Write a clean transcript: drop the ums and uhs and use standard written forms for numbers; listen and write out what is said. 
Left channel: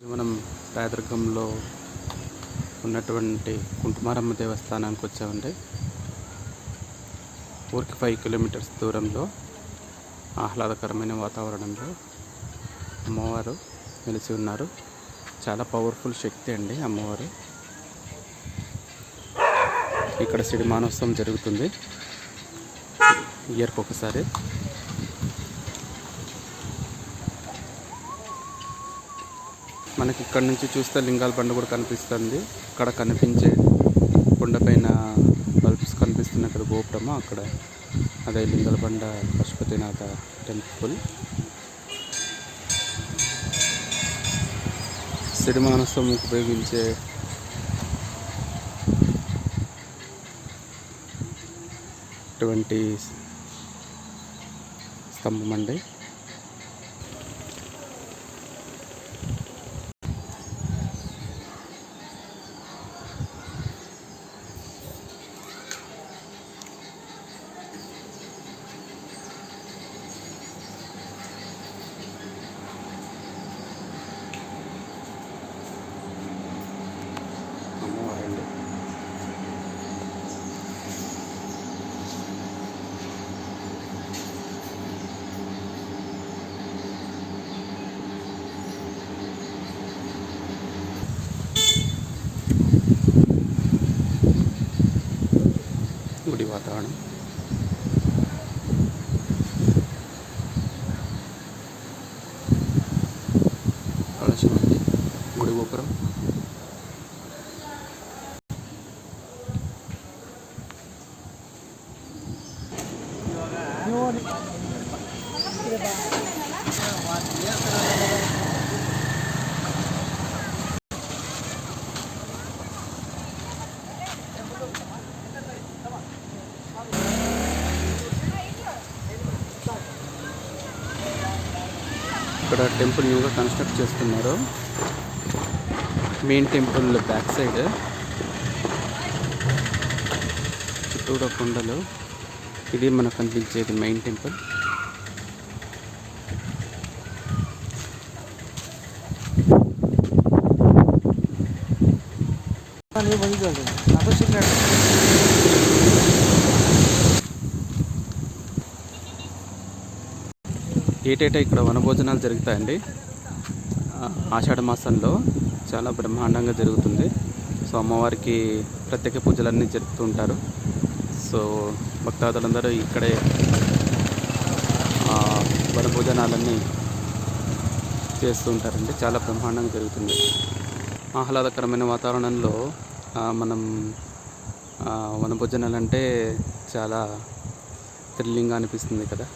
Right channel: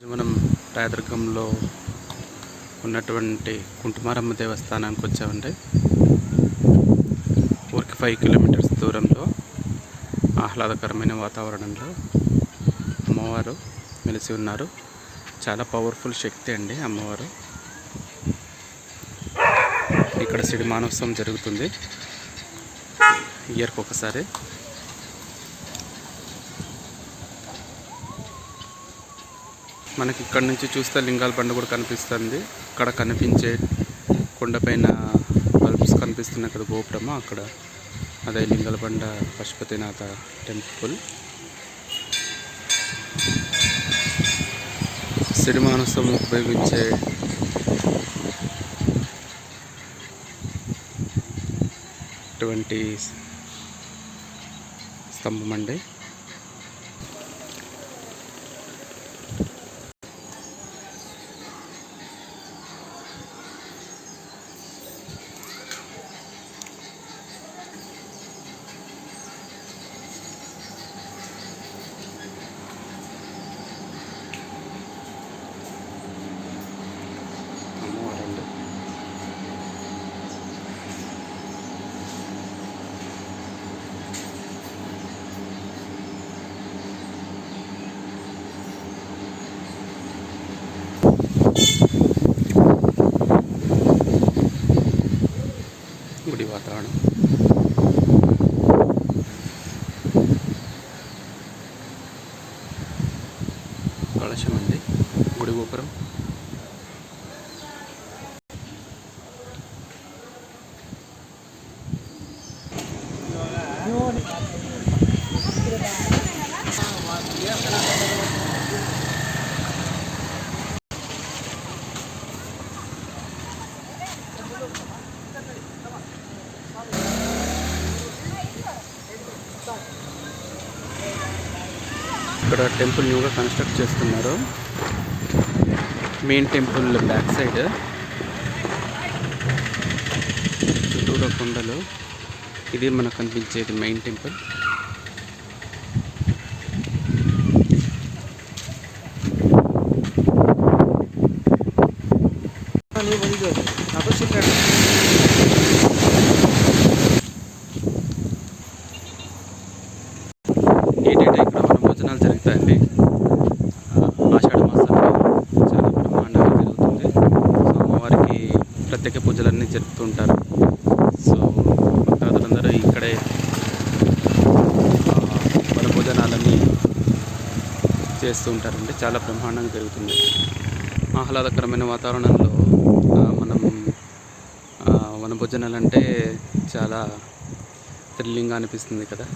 మనం రాయదుర్గంలో ఉన్నటువంటి కుంటుమారమ్మ దేవస్థానానికి వచ్చామండి. ఊరికి 5 కిలోమీటర్స్ దూరంలో ఆహ్లాదకరమైన వాతావరణంలో అమ్మవారు నిలిచి ఉన్నారు. చాలా పవర్ఫుల్ శక్తి అండి అమ్మవారు. ఇక్కడ సిరిమానోత్సవం జరుగుతుంది ఇయర్కి ఒకసారి. మనకి ఇక్కడ నుంచి చూస్తే లింగాల బండ కూడా కనిపిస్తుంది. అక్కడ కనిపించే కొండపైన బల్బ్స్ కనిపిస్తున్నాయి కదా, గోపురము, అక్కడ అదే లింగాల బండ పశుపతినాథ టెంపుల్. సిరిమానోత్సవం ఉపయోగించే అటువంటి స్తంభం అండి. అమ్మవారండి. గుడి వాతావరణం కలశం అండి, గుడి గోపురం. ఇక్కడ టెంపుల్ న్యూగా కన్స్ట్రక్ట్ చేస్తున్నారు. మెయిన్ టెంపుల్ బ్యాక్ సైడ్ చుట్టూరా కొండలు. ఇది మనకు కనిపించేది మెయిన్ టెంపుల్. ఏటేటా ఇక్కడ వనభోజనాలు జరుగుతాయండి. ఆషాఢ మాసంలో చాలా బ్రహ్మాండంగా జరుగుతుంది. సో అమ్మవారికి ప్రత్యేక పూజలన్నీ జరుపుతుంటారు. సో భక్తాదులందరూ ఇక్కడే వనభోజనాలన్నీ చేస్తూ ఉంటారండి. చాలా బ్రహ్మాండంగా జరుగుతుంది. ఆహ్లాదకరమైన వాతావరణంలో మనం వనభోజనాలు అంటే చాలా థ్రిల్లింగ్గా అనిపిస్తుంది కదా.